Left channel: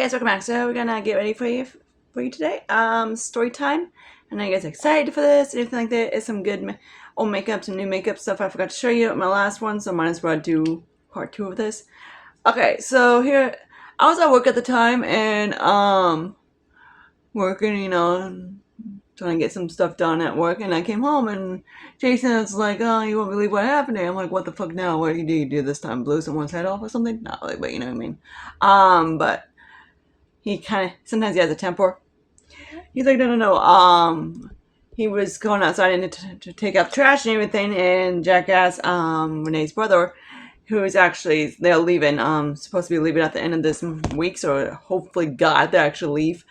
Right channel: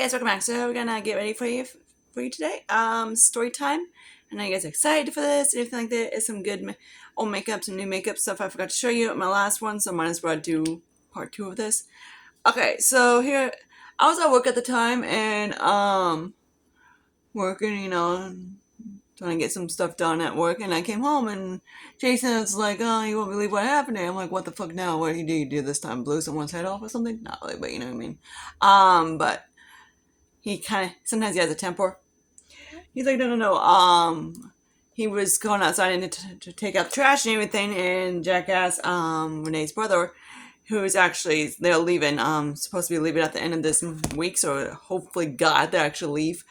guys, welcome back. So we're gonna get ready for you today. Story time. I know you guys are excited for this and everything like that. It's some good old makeup, some new makeup stuff I forgot to show you at my last one, so might as well do part 2 of this. Okay, so here I was at work at the time and working, trying to get some stuff done at work, and I came home and Jason was like, "Oh, you won't believe what happened today." I'm like, "What the fuck now? What did you do this time? Blew someone's head off or something?" Not really, but you know what I mean. But he kind of sometimes he has a temper. He's like, no. He was going outside and to take out trash and everything, and Jackass, Renee's brother, who is actually they're leaving, supposed to be leaving at the end of this week, so hopefully God they actually leave.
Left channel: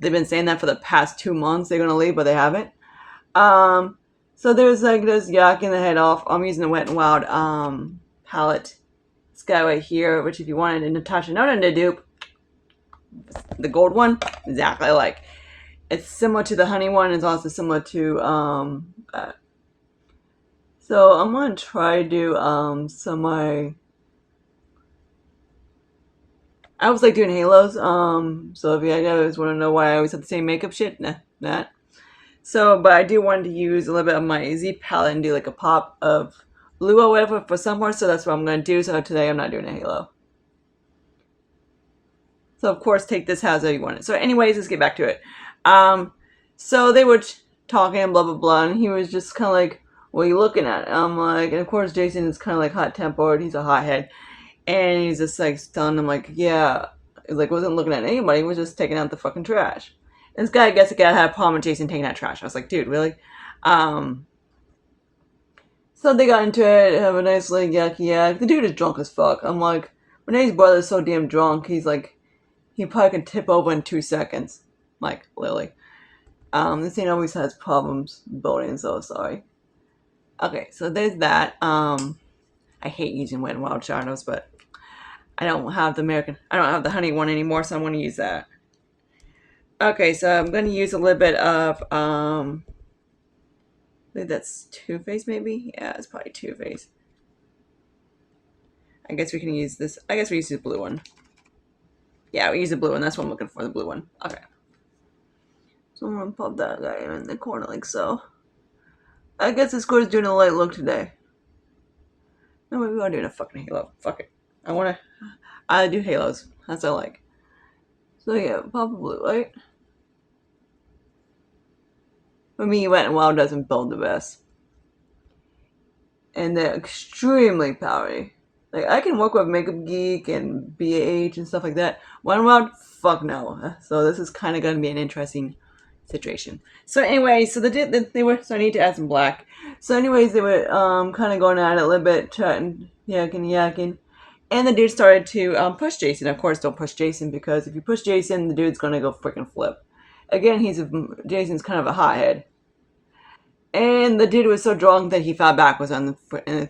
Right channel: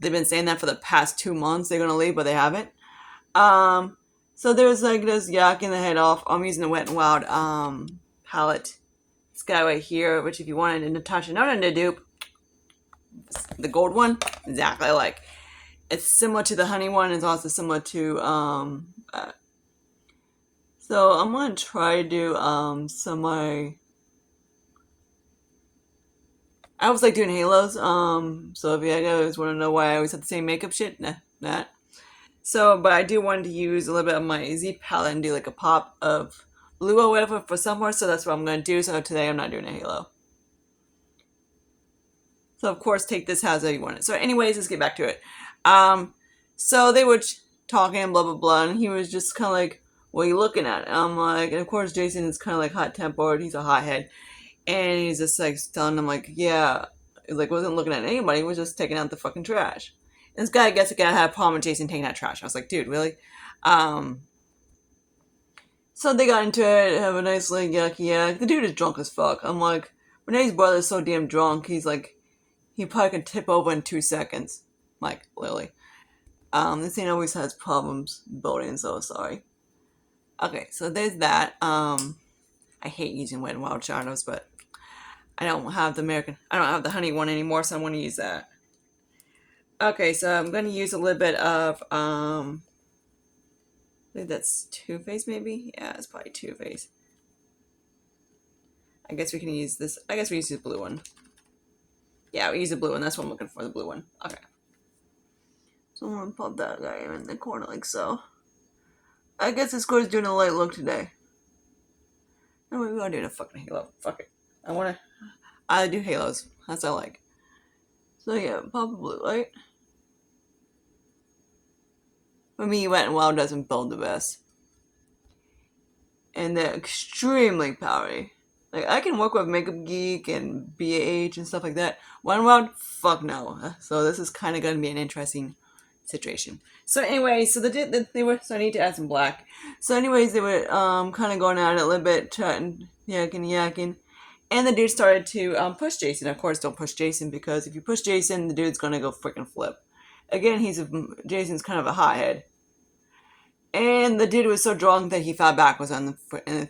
They've been saying that for the past 2 months they're gonna leave, but they haven't. So there's like this yakking the head off. I'm using the Wet n Wild palette. This guy right here, which if you wanted a Natasha Nolan to dupe, the gold one, exactly like. It's similar to the honey one. It's also similar to so I'm gonna try to do some I was like doing halos. So if you guys want to know why I always have the same makeup shit, that. So, but I do want to use a little bit of my Z palette and do like a pop of blue or whatever for somewhere. So that's what I'm gonna do. So today I'm not doing a halo. So of course take this however you want it. So anyways, let's get back to it. So they were talking blah blah blah, and he was just kind of like, "What are you looking at?" And I'm like, and of course Jason is kind of like hot tempered. He's a hothead, and he's just like telling him like, "Yeah," he's like, wasn't looking at anybody. He was just taking out the fucking trash. And this guy, I guess, had a problem with Jason taking out trash. I was like, "Dude, really?" So they got into it, have a nice like yucky yak. The dude is drunk as fuck. I'm like, Renee's brother's so damn drunk. He's like, he probably can tip over in 2 seconds. Like, literally. This thing always has problems building, so sorry. Okay, so there's that. I hate using Wet n Wild shadows, but I don't have the honey one anymore, so I'm going to use that. Okay, so I'm going to use a little bit of, I think that's Too Faced maybe? Yeah, it's probably Too Faced. I guess we can use this. I guess we use the blue one. Yeah, we use the blue one. That's what I'm looking for, the blue one. Okay. So I'm going to pop that guy in the corner like so. I guess this score is doing a light look today. No, maybe I'm doing a fucking halo. Fuck it. I do halos. That's what I like. So yeah, pop a blue light. For me, Wet n Wild doesn't build the best. And they're extremely powdery. Like, I can work with Makeup Geek and BAH and stuff like that. Wet n Wild, fuck no. So this is kind of going to be an interesting situation. So anyway, so they were, so I need to add some black. So anyways, they were kind of going at it a little bit, yakking. And the dude started to push Jason. Of course, don't push Jason, because if you push Jason, the dude's going to go freaking flip. Again, Jason's kind of a hothead. And the dude was so drunk that he fell backwards and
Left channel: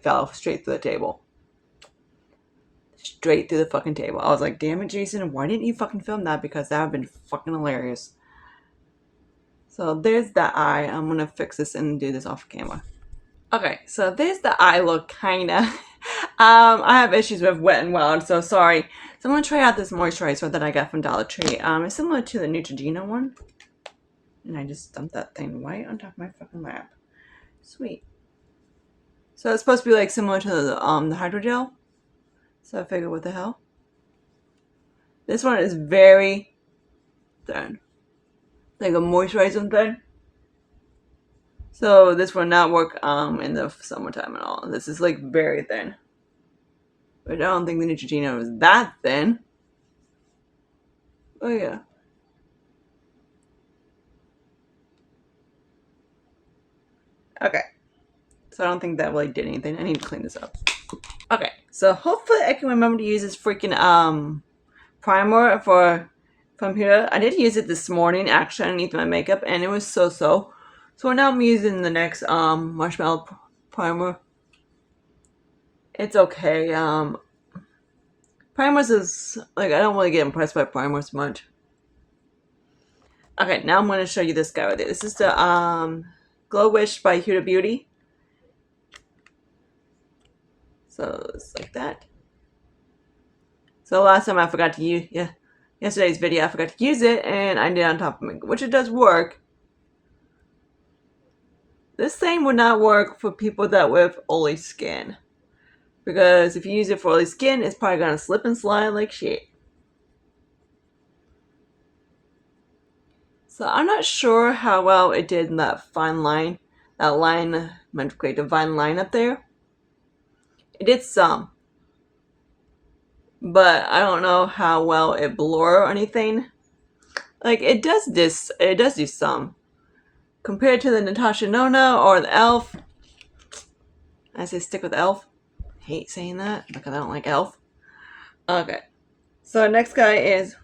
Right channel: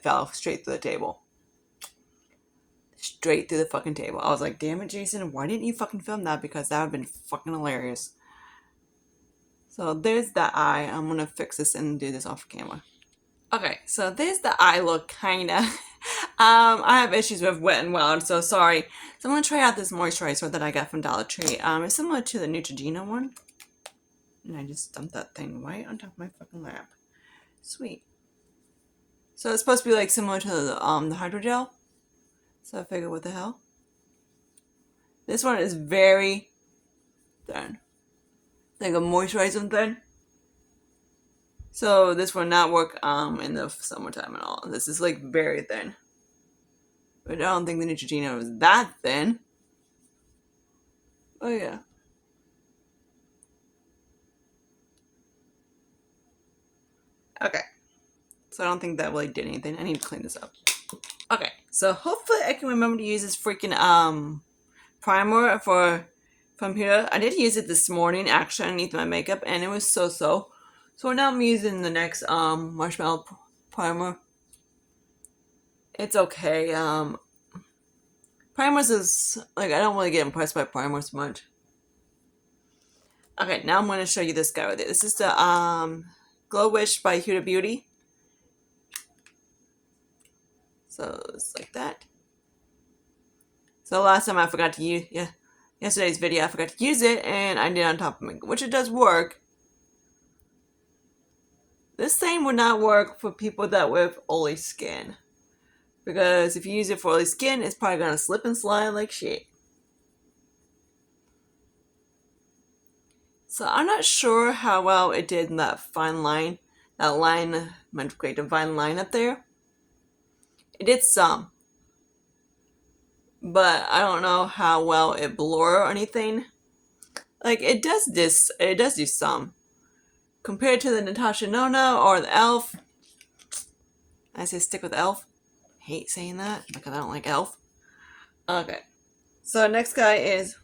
fell straight through the table. Straight through the fucking table. I was like, damn it, Jason, why didn't you fucking film that? Because that would have been fucking hilarious. So there's that eye. I'm going to fix this and do this off camera. Okay, so there's the eye look, kinda. I have issues with Wet n Wild, so sorry. So I'm going to try out this moisturizer that I got from Dollar Tree. It's similar to the Neutrogena one. And I just dumped that thing right on top of my fucking lap. Sweet. So it's supposed to be like similar to the hydrogel. So I figured, what the hell? This one is very thin. Like a moisturizing thin. So this will not work in the summertime at all. This is like very thin. But I don't think the Neutrogena was that thin. Oh yeah. Okay. So I don't think that really did anything. I need to clean this up. Okay. So hopefully I can remember to use this freaking primer from here. I did use it this morning actually underneath my makeup, and it was so. So now I'm using the next marshmallow primer. It's okay. Primers is like, I don't really get impressed by primers much. Okay, now I'm going to show you this guy right there. This is the Glow Wish by Huda Beauty. So it's like that. So last time I forgot to use, yesterday's video, I forgot to use it, and I did on top of my, which it does work. This thing would not work for people that with oily skin. Because if you use it for oily skin, it's probably going to slip and slide like shit. So I'm not sure how well it did in that fine line. That line meant to create a fine line up there. It did some. But I don't know how well it blur or anything. Like, it does do some. Compared to the Natasha Nona or the Elf, I say stick with Elf. I hate saying that because I don't like Elf. Okay. So next guy is,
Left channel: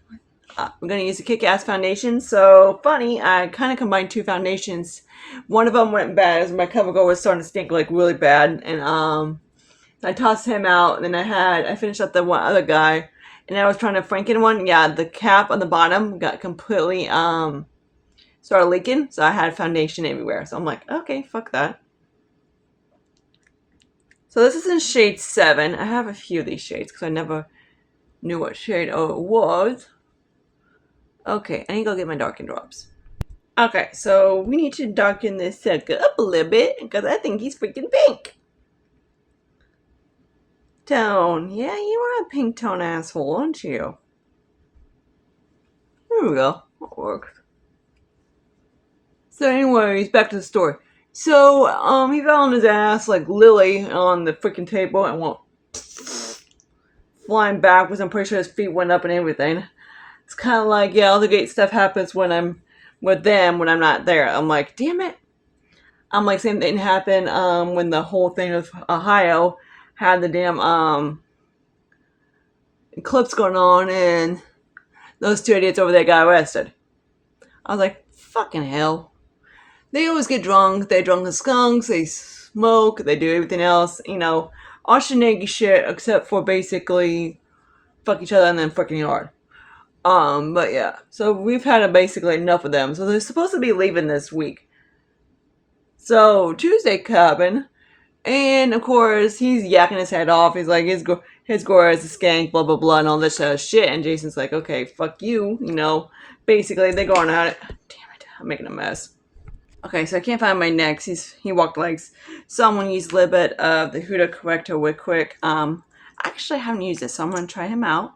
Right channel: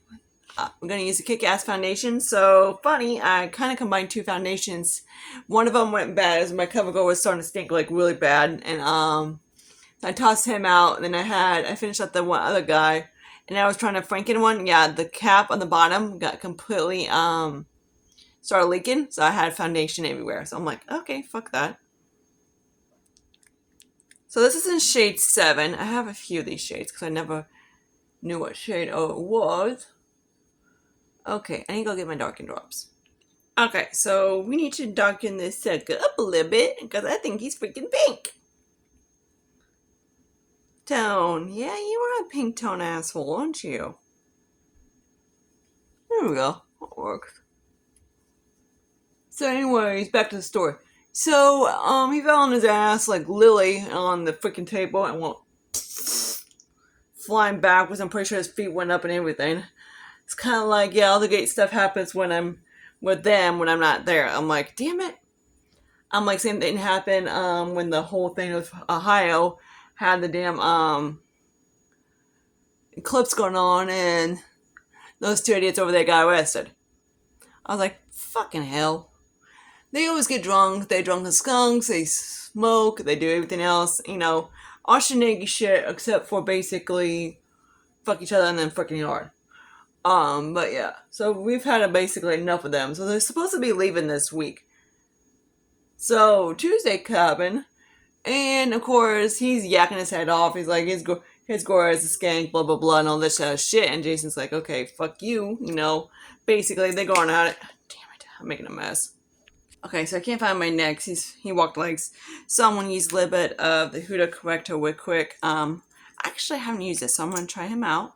I'm going to use a Kick-Ass foundation. So funny, I kind of combined two foundations. One of them went bad as my cover girl was starting to stink like really bad. And I tossed him out. And then I finished up the one other guy. And I was trying to Franken one. Yeah, the cap on the bottom got completely started leaking. So I had foundation everywhere. So I'm like, okay, fuck that. So this is in shade 7. I have a few of these shades because I never knew what shade it was. Okay, I need to go get my darken drops. Okay, so we need to darken this sucker up a little bit because I think he's freaking pink. Tone. Yeah, you are a pink tone asshole, aren't you? There we go. That works. So anyways, back to the story. So, he fell on his ass like Lily on the freaking table and went flying backwards. I'm pretty sure his feet went up and everything. It's kind of like, yeah, all the great stuff happens when I'm with them when I'm not there. I'm like, damn it. I'm like, same thing happened when the whole thing of Ohio had the damn eclipse going on and those two idiots over there got arrested. I was like, fucking hell. They always get drunk. They're drunk as skunks. They smoke. They do everything else. You know, all shenanigans shit except for basically fuck each other and then freaking hard. But yeah. So we've had basically enough of them. So they're supposed to be leaving this week. So Tuesday happened. And of course, he's yakking his head off. He's like, his gore is a skank, blah, blah, blah, and all this shit. And Jason's like, okay, fuck you. You know, basically, they're going at it. Damn it, I'm making a mess. Okay, so I can't find my next. He walked legs. So I'm going to use a little bit of the Huda Corrector Wick Quick. Actually, I haven't used it, so I'm going to try him out.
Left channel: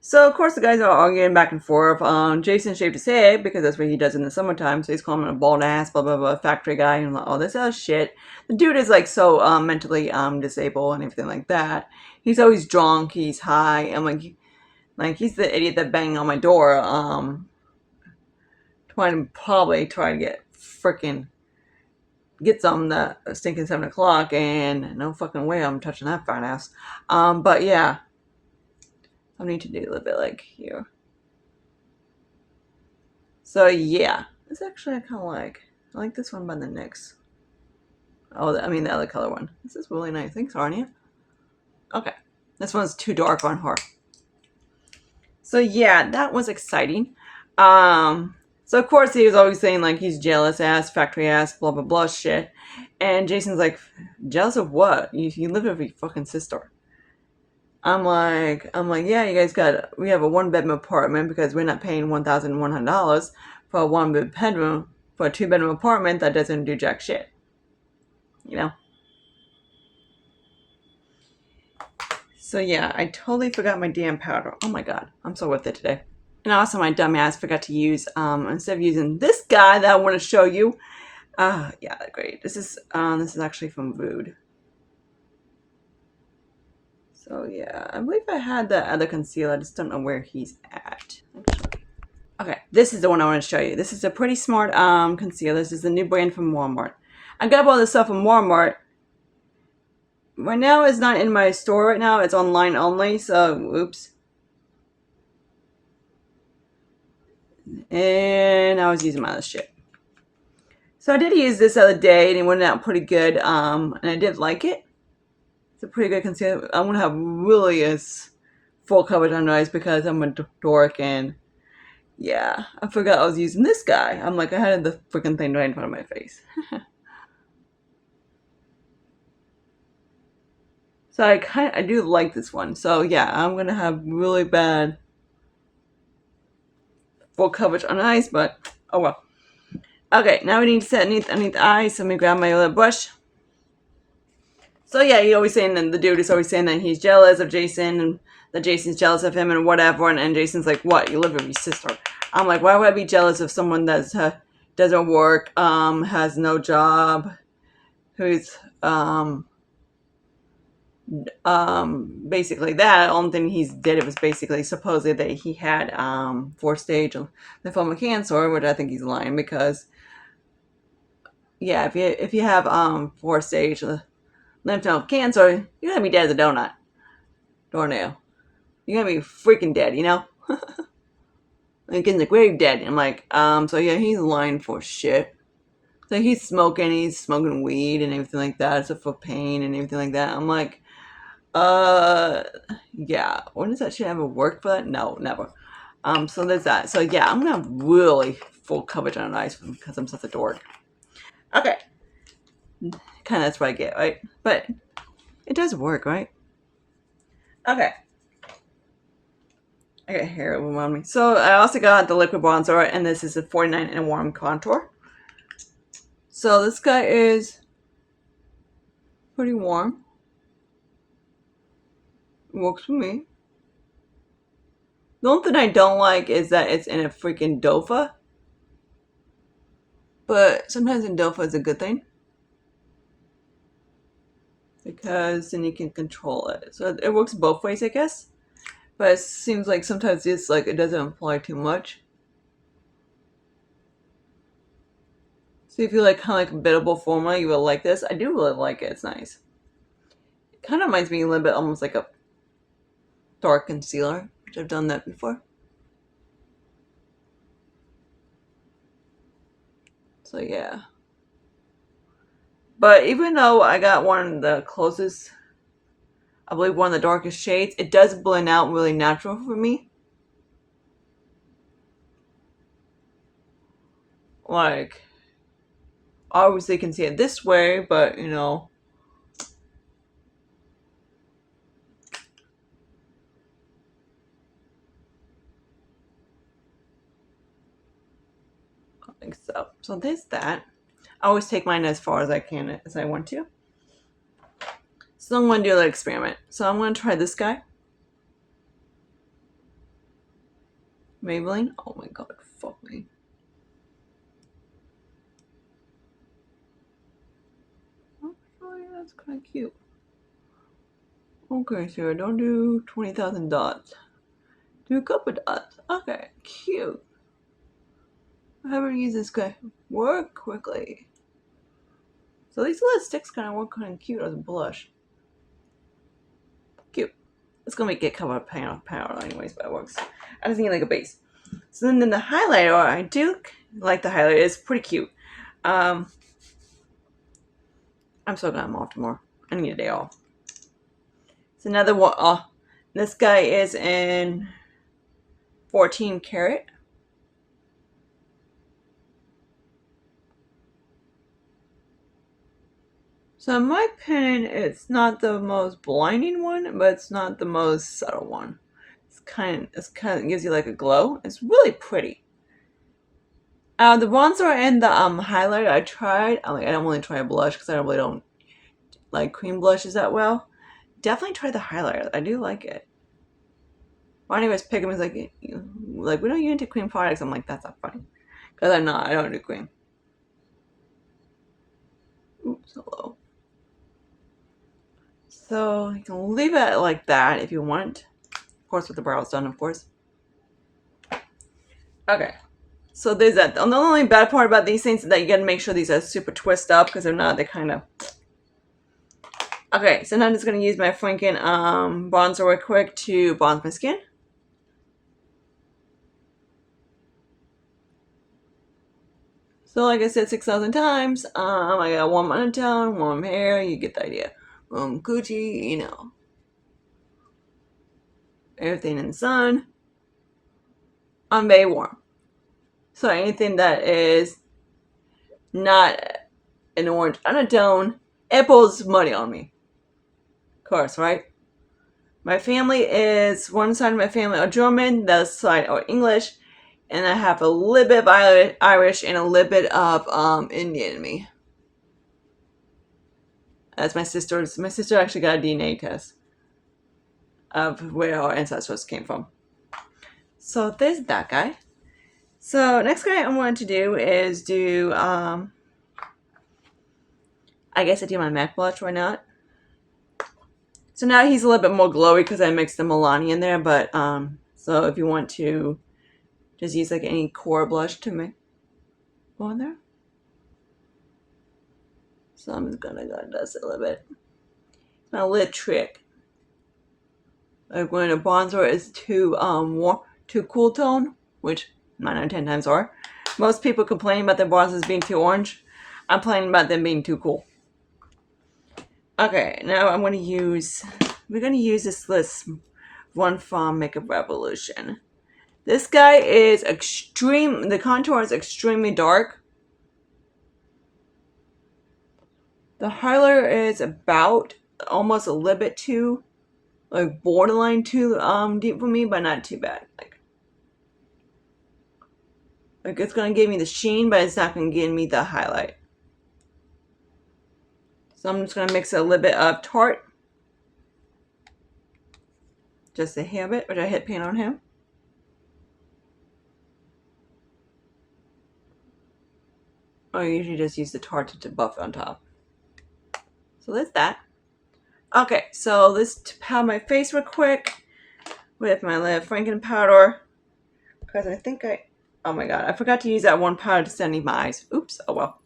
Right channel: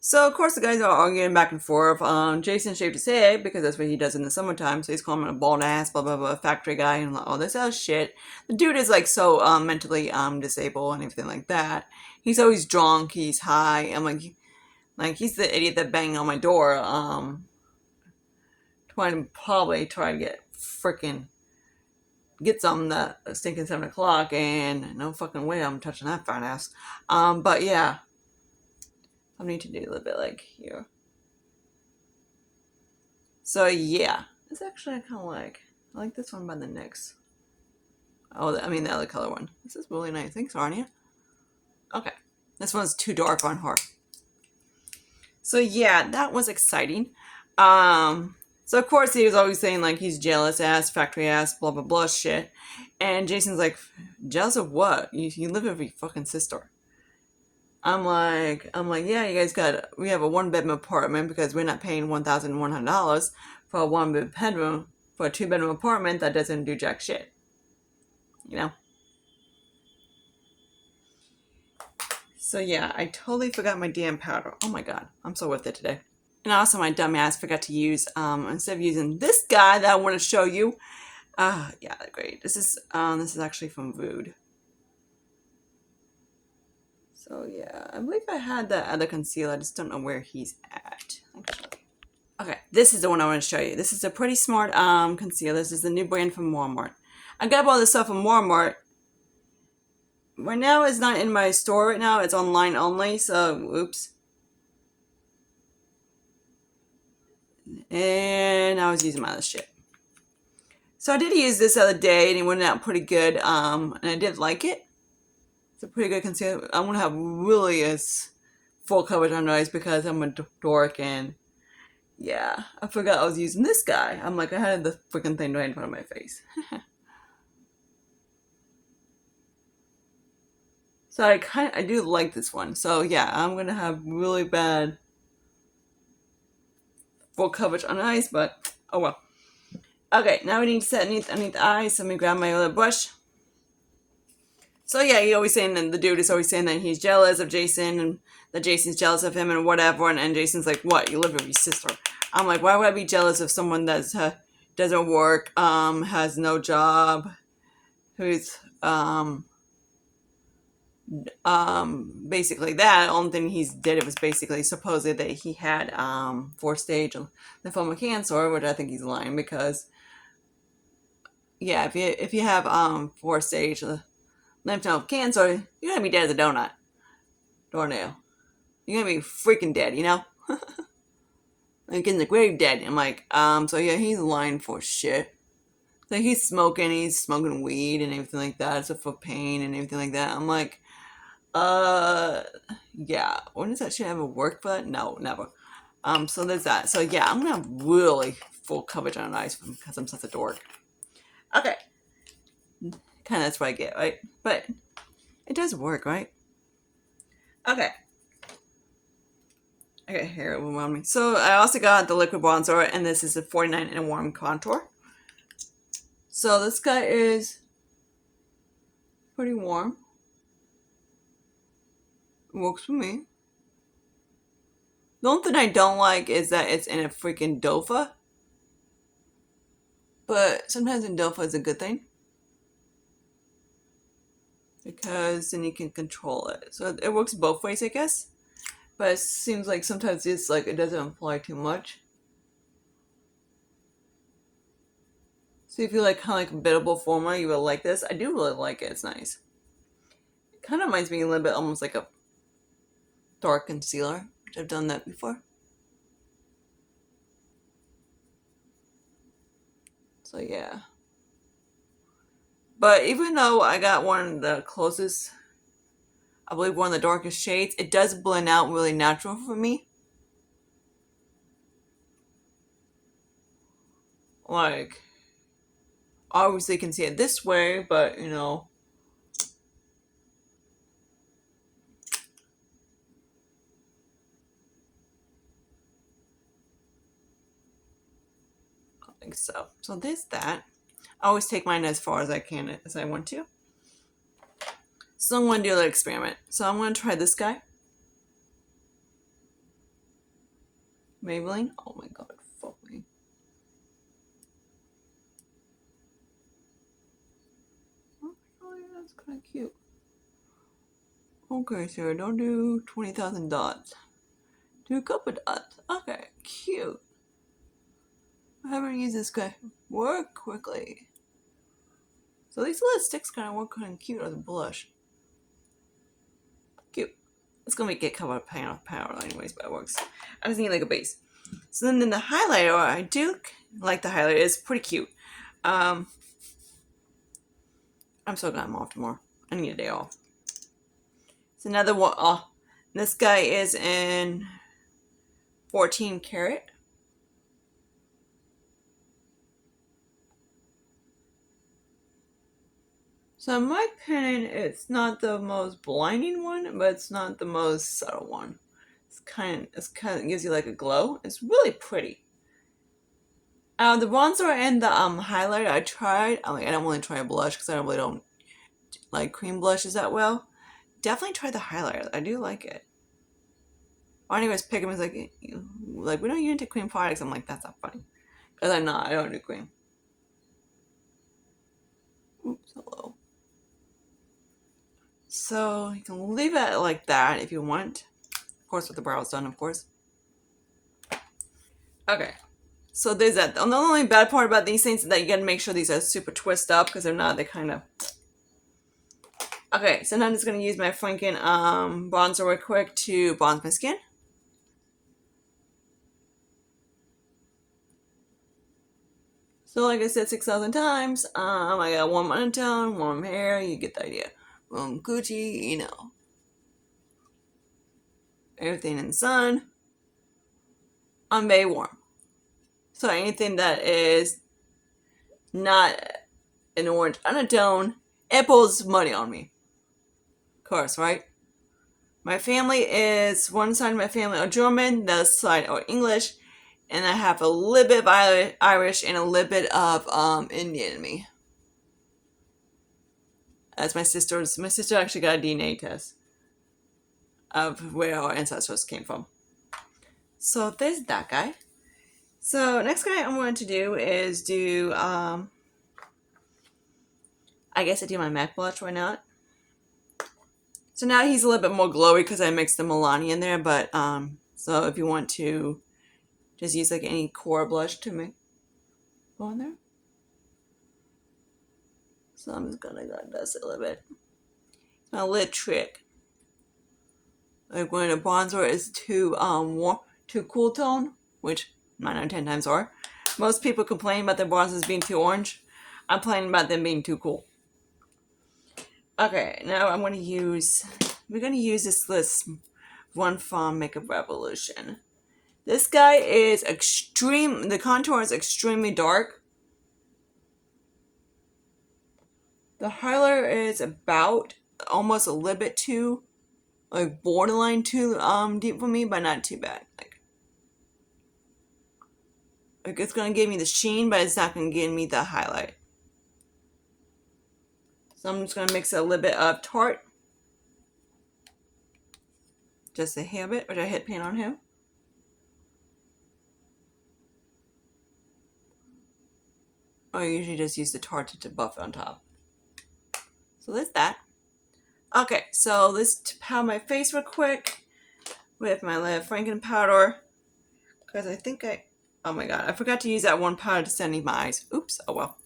So, of course, the guys are arguing back and forth. Jason shaved his head because that's what he does in the summertime. So he's calling him a bald ass, blah, blah, blah, factory guy, and all this other shit. The dude is, like, so mentally disabled and everything like that. He's always drunk. He's high. And, like he's the idiot that banged on my door, trying to get freaking get something that stinking 7 o'clock, and no fucking way I'm touching that fine ass. But yeah, I need to do a little bit like here. So yeah, it's actually I kind of like. I like this one by the NYX. Oh, I mean the other color one. This is really nice. Thanks, Arnia. Okay, this one's too dark on her. So yeah, that was exciting. So of course he was always saying like he's jealous ass, factory ass, blah blah blah shit. And Jason's like, jealous of what? You live with your fucking sister. I'm like, yeah, you guys we have a 1-bedroom apartment because we're not paying $1,100 for a 1-bedroom for a 2-bedroom apartment that doesn't do jack shit. You know? So yeah, I totally forgot my damn powder. Oh my god, I'm so worth it today. And also my dumbass forgot to use, instead of using this guy that I want to show you, yeah, great. This is actually from Vood. So yeah, I believe I had that other concealer. I just don't know where he's at. Okay, this is the one I want to show you. This is a Pretty Smart concealer. This is the new brand from Walmart. I got all this stuff from Walmart. Right now, it's not in my store right now. It's online only, so oops. And I was using my other shit. So I did use this other day, and it went out pretty good. And I did like it. It's a pretty good concealer. I want to have really a full coverage under eyes because I'm a dork, and yeah, I forgot I was using this guy. I'm like, I had the freaking thing right in front of my face. So I do like this one. So yeah, I'm gonna have really bad full coverage on ice, but oh well. Okay, now we need to set underneath the eyes. So let me grab my little brush. So yeah, he always saying that the dude is always saying that he's jealous of Jason and that Jason's jealous of him and whatever. And Jason's like, "What? You live with your sister?" I'm like, "Why would I be jealous of someone that's doesn't work, has no job, who's basically that. Only thing he's did it was basically supposedly that he had fourth stage lymphoma cancer, which I think he's lying because yeah, if you have fourth stage lymph node cancer, you're gonna be dead as a doornail. You're gonna be freaking dead, you know? Like in the grave dead. I'm like, so yeah, he's lying for shit. So he's smoking weed and everything like that, so for pain and everything like that. I'm like, uh, yeah. When does that shit ever work for that? No, never. So there's that. So yeah, I'm gonna have really full coverage on an ice because I'm such a dork. Okay, kind of that's what I get, right? But it does work, right? Okay. Okay, here it will me. So I also got the liquid bronzer, and this is a 49 in a warm contour. So this guy is pretty warm. It works for me. The only thing I don't like is that it's in a freaking dofa. But sometimes in dofa is a good thing. Because then you can control it. So it works both ways, I guess. But it seems like sometimes it's like it doesn't apply too much. So if you like kind of like a biddable formula, you will like this. I do really like it. It's nice. It kind of reminds me a little bit almost like a dark concealer, which I've done that before. So yeah. But even though I got one of the closest, I believe one of the darkest shades, it does blend out really natural for me. Like, obviously you can see it this way, but you know. I think so. So there's that. I always take mine as far as I can as I want to. So I'm going to do an experiment. So I'm going to try this guy. Maybelline. Oh my god, fuck me. Oh, yeah, that's kind of cute. Okay, Sarah, don't do 20,000 dots. Do a couple dots. Okay, cute. I haven't used this guy. Work quickly. So these little sticks kind of work kind of cute as a blush. Cute. It's gonna make it cover up power anyways, but it works. I just need like a base. So then the highlighter, I do like the highlighter. It's pretty cute. I'm so glad I'm off tomorrow. I need a day off. It's another one. This guy is in 14 karat. So in my opinion, it's not the most blinding one, but it's not the most subtle one. It's kind of gives you like a glow. It's really pretty. The bronzer and the highlighter I tried. I don't really try a blush because I really don't like cream blushes that well. Definitely try the highlighter. I do like it. Barney was picking me like we don't get into cream products. I'm like, that's not funny because I'm not. I don't do cream. Oops, hello. So you can leave it like that if you want. Of course, with the brows done, of course. Okay. So there's that. The only bad part about these things is that you gotta make sure these are super twist up because they're not, they kind of. Okay, so now I'm just gonna use my Franken bronzer real quick to bronze my skin. So like I said 6,000 times, I got warm undertone, warm hair, you get the idea. Warm coochie, you know. Everything in the sun. I'm very warm. So anything that is not an orange undertone, it pulls money on me. Of course, right? My family is, one side of my family are German, the other side are English, and I have a little bit of Irish and a little bit of Indian in me. As my sister actually got a DNA test of where our ancestors came from. So there's that guy. So next guy I wanted to do is do I guess I do my MAC blush, why not? So now he's a little bit more glowy because I mixed the Milani in there, but so if you want to just use like any core blush to make go in there. So I'm just gonna go dust it a little bit. It's my lip trick. Like when a bronzer is too too cool tone, which 9 out of 10 times are. Most people complain about their bronzers being too orange. I'm complaining about them being too cool. Okay, now I'm gonna use. We're gonna use this one from Makeup Revolution. This guy is extreme. The contour is extremely dark. The highlighter is about almost a little bit too, like borderline too deep for me, but not too bad. Like it's gonna give me the sheen, but it's not gonna give me the highlight. So I'm just gonna mix a little bit of Tarte, just a hair bit, which I hit paint on him. I usually just use the Tarte to buff on top. So that's that. Okay, so let's powder my face real quick with my little Franken powder. Because I think oh my god, I forgot to use that one powder to set my eyes. Oops, oh well.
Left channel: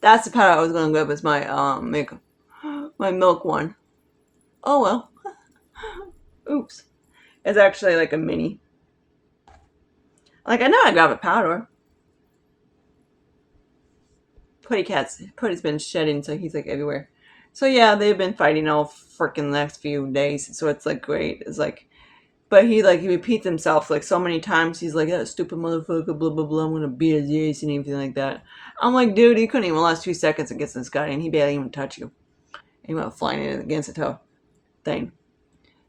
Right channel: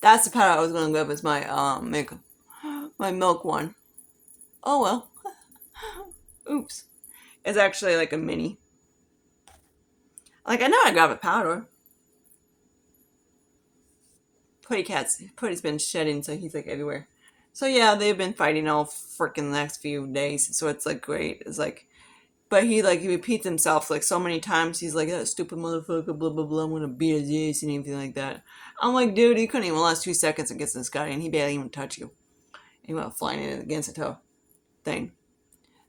That's the powder I was going to go with, was my makeup, my milk one. Oh well. Oops. It's actually like a mini. Like I know I got a powder. Putty's been shedding, so he's like everywhere. So yeah, they've been fighting all freaking next few days. So it's like great. It's like, but he repeats himself like so many times. He's like, that stupid motherfucker, blah blah blah. I'm gonna beat his ass and everything like that. I'm like, dude, you couldn't even last 2 seconds against this guy, and he barely even touch you. He went flying in against the toe thing.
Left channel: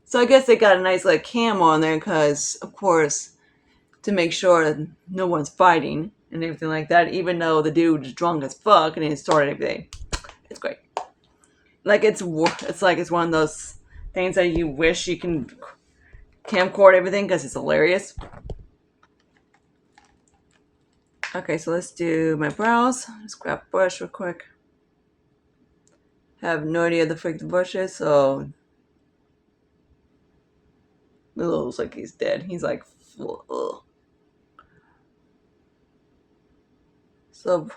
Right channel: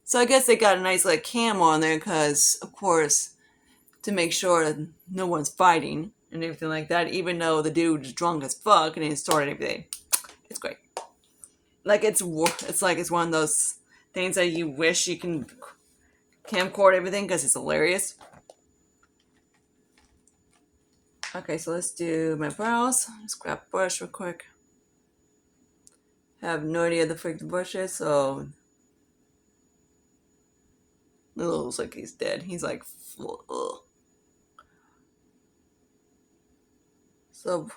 So I guess they got a nice like cam on there because, of course, to make sure that no one's fighting and everything like that. Even though the dude's drunk as fuck and he started everything, it's great. Like it's like it's one of those things that you wish you can camcord everything because it's hilarious. Okay, so let's do my brows. Let's grab a brush real quick. Have no idea the frick the brush is, so Lilo looks like he's dead. He's like, ugh. So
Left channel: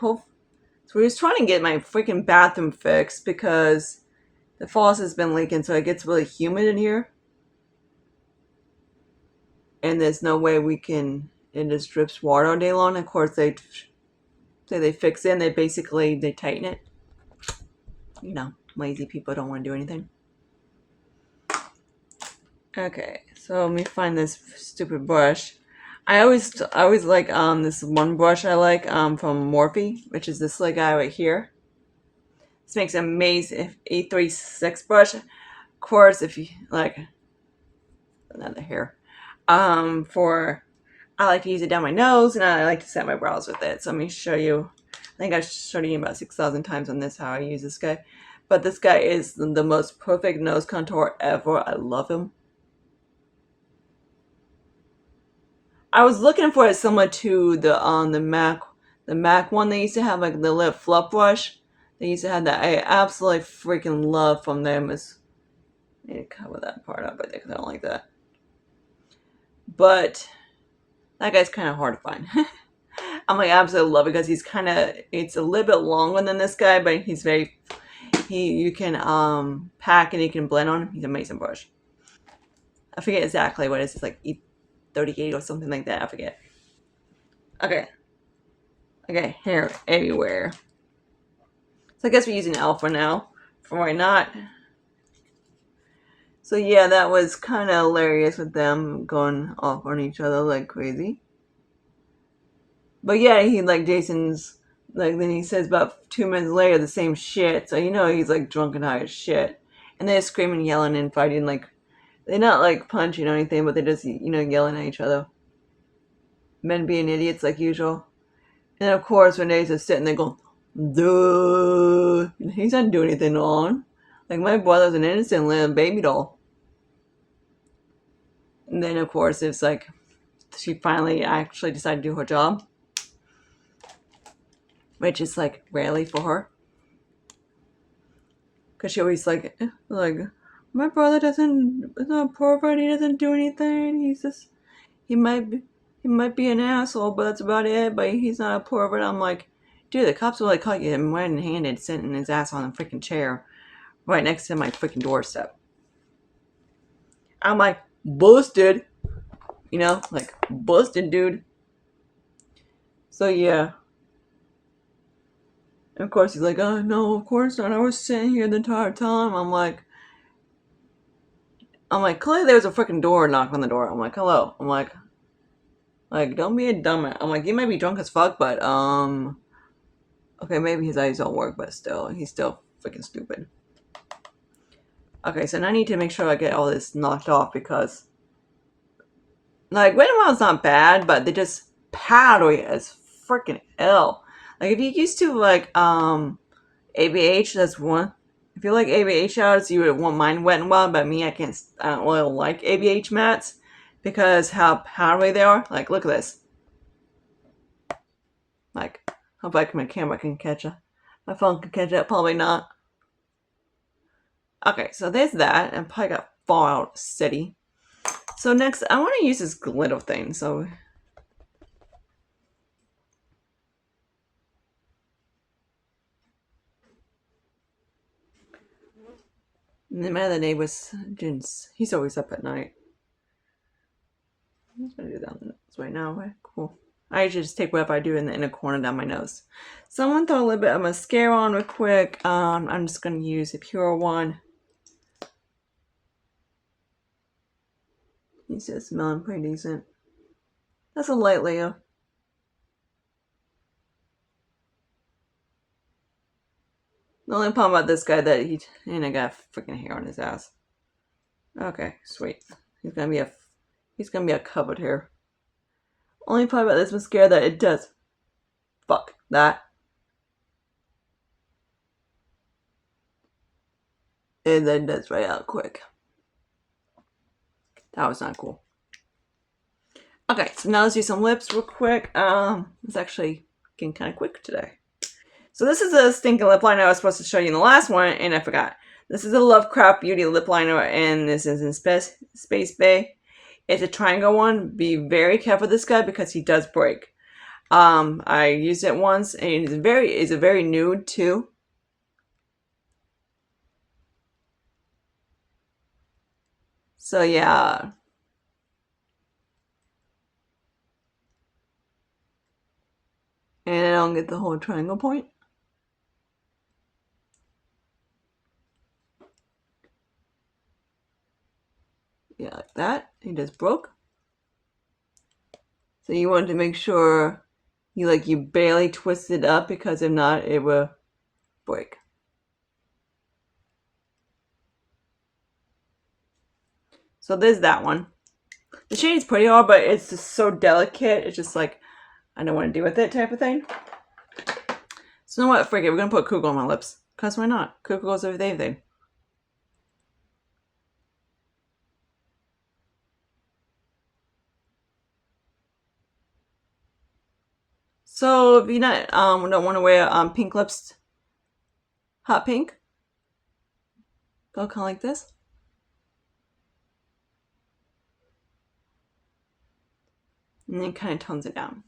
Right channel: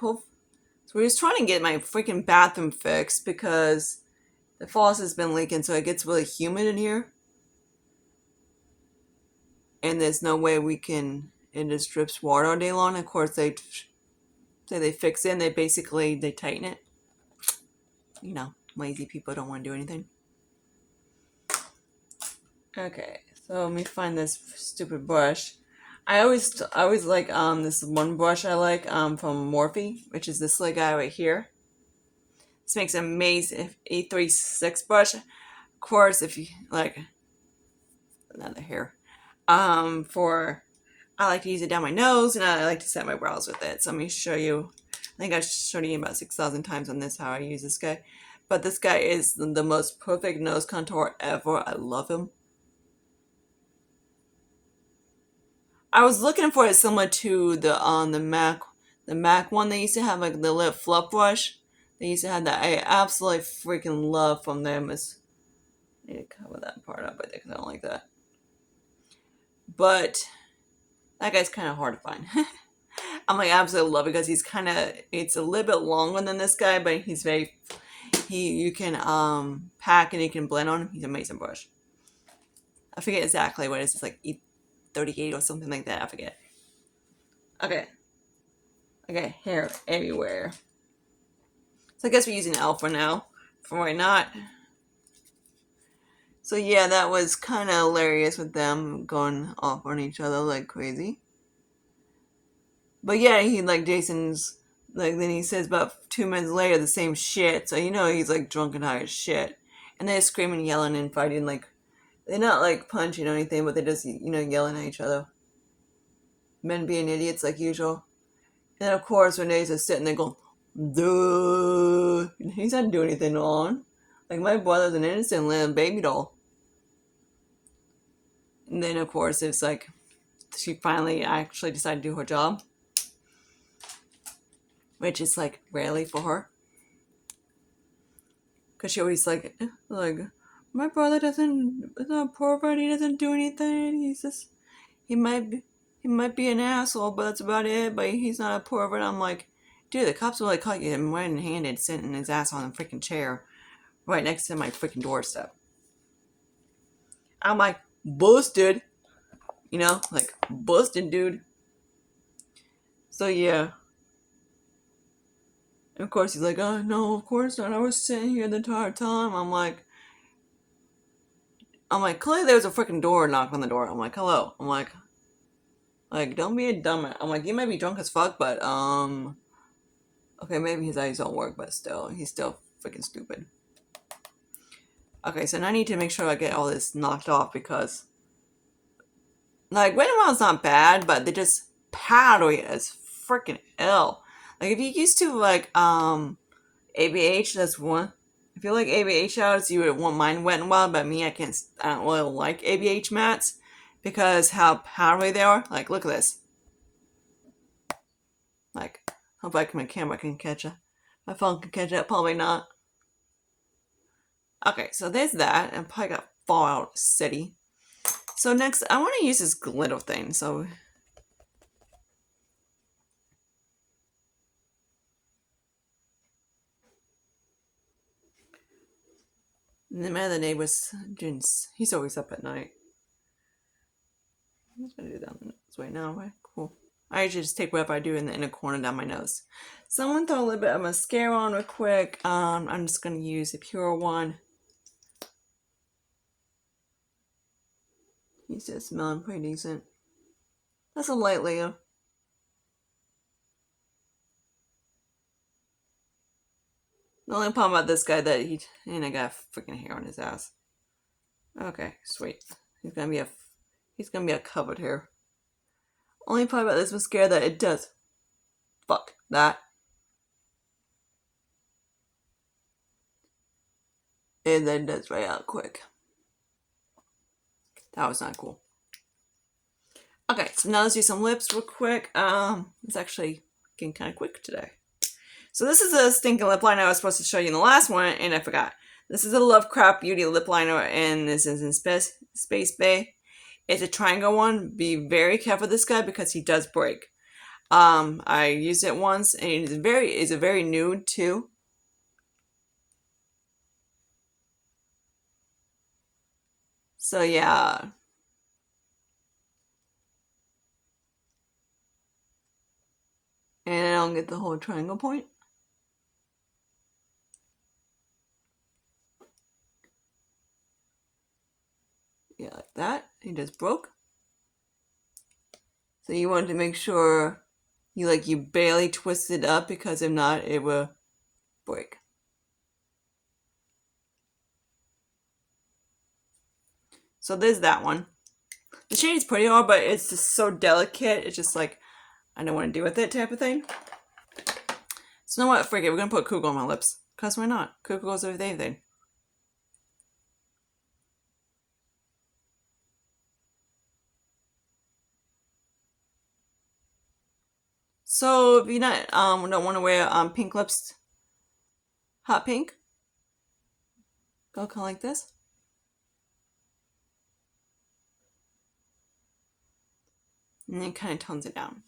we're just trying to get my freaking bathroom fixed because the faucet has been leaking, so it gets really humid in here. And there's no way we can, it just drips water all day long. Of course, they say they fix it and they tighten it. You know, lazy people don't want to do anything. Okay, so let me find this stupid brush. I always like this one brush I like from Morphe, which is this little guy right here. This makes an amazing 836 brush. Of course, if you like another hair, I like to use it down my nose and I like to set my brows with it. So let me show you. I think I showed you about 6,000 times on this how I use this guy. But this guy is the most perfect nose contour ever. I love him. I was looking for it similar to the Mac one they used to have, like the little fluff brush. They used to have that. I absolutely freaking love from them. I need to cover that part up right there because I don't like that. But that guy's kind of hard to find. I'm like, I absolutely love it because it's a little bit longer than this guy, but you can pack and you can blend on him. He's an amazing brush. I forget exactly what it is. It's like 38 or something like that. I forget. Okay. Okay, hair everywhere. So I guess we're using L for now. For why not? So yeah, that was kind of hilarious with them going off on each other like crazy. But yeah, Jason's like, then he says about 2 minutes later the same shit. So you know he's like drunk and high as shit. And they're screaming, yelling, and fighting. Like they're not like punching or anything, but they're just yelling at each other. Men being idiots like usual. And of course, when they're just sitting there going, duh, he's not doing anything wrong. Like, my brother's an innocent little baby doll. And then, of course, it's like she finally actually decided to do her job, which is like rarely for her. Because she always like, my brother doesn't, is not a pervert, he doesn't do anything. He's just, he might be an asshole, but that's about it. But he's not a pervert. I'm like, dude, the cops will like caught you him red-handed sitting his ass on a freaking chair right next to my freaking doorstep. I'm like, busted. You know, like, busted, dude. So, yeah. And of course, he's like, oh, no, of course not. I was sitting here the entire time. I'm like, clearly there was a freaking door knock on the door. I'm like, hello. I'm like, don't be a dumbass. I'm like, you might be drunk as fuck, but, okay, maybe his eyes don't work, but still, he's still freaking stupid. Okay, so now I need to make sure I get all this knocked off because, like, Wet n Wild's not bad, but they just powdery as freaking ill. Like, if you used to, like, ABH, that's one. If you like ABH outs, you would want mine Wet n Wild, but me, I don't really like ABH mats because how powdery they are. Like, look at this. Like, hope my camera can catch it. My phone can catch it, probably not. Okay, so there's that, and probably got Fallout City. So next, I want to use this glitter thing, so... The man of the neighbors, he's always up at night. I'm just going to do that right now, right? Cool. I usually just take whatever I do in the inner corner down my nose. So I'm going to throw a little bit of mascara on real quick. I'm just going to use a pure one. He's just smelling pretty decent. That's a light layer. The only problem about this guy that I got freaking hair on his ass. Okay, sweet. He's gonna be a covered hair. Only problem about this mascara that it does. Fuck that. And then that's right out quick. That was not cool. Okay, so now let's do some lips real quick. It's actually getting kind of quick today. So this is a stinking lip liner I was supposed to show you in the last one, and I forgot. This is a Lovecraft Beauty lip liner, and this is in Space Bay. It's a triangle one. Be very careful with this guy because he does break. I used it once, and it's a very nude too. So yeah. And I don't get the whole triangle point. Yeah, like that. It just broke. So you want to make sure you barely twist it up because if not, it will break. So there's that one. The shade's pretty hard, but it's just so delicate. It's just like, I don't want to deal with it type of thing. So you know what? Forget it. We're going to put Kugel on my lips. Because why not? Kugel goes with everything. So if you don't want to wear pink lips, hot pink, go kind of like this. And then kind of tones it down.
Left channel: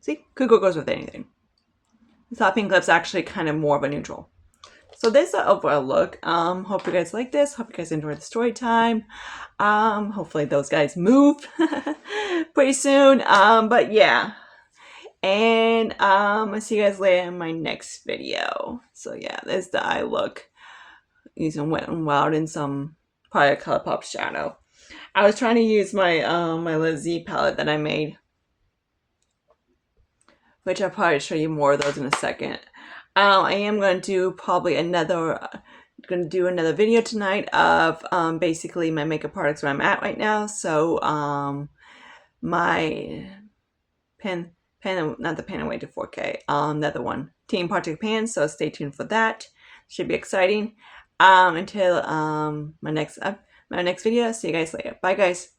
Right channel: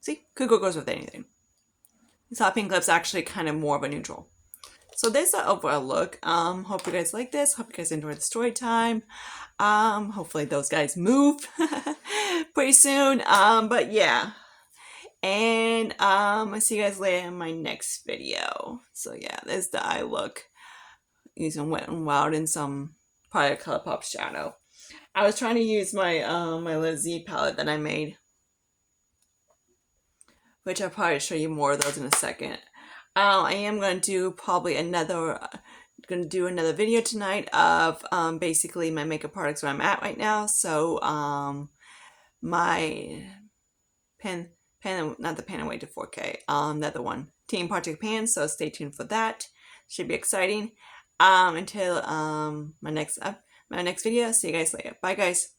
See, Kugel goes with anything. This hot pink lip's actually kind of more of a neutral. So this is the overall look. Hope you guys like this. Hope you guys enjoyed the story time. Hopefully those guys move pretty soon. But yeah. And I'll see you guys later in my next video. So yeah, there's the eye look. Using Wet n Wild and some probably ColourPop shadow. I was trying to use my my little Z palette that I made, which I'll probably show you more of those in a second. I am going to do probably another video tonight of basically my makeup products where I'm at right now. So my not the pen away to 4K. The other one, Team Project Pan. So stay tuned for that. Should be exciting. Until my next video. See you guys later. Bye, guys.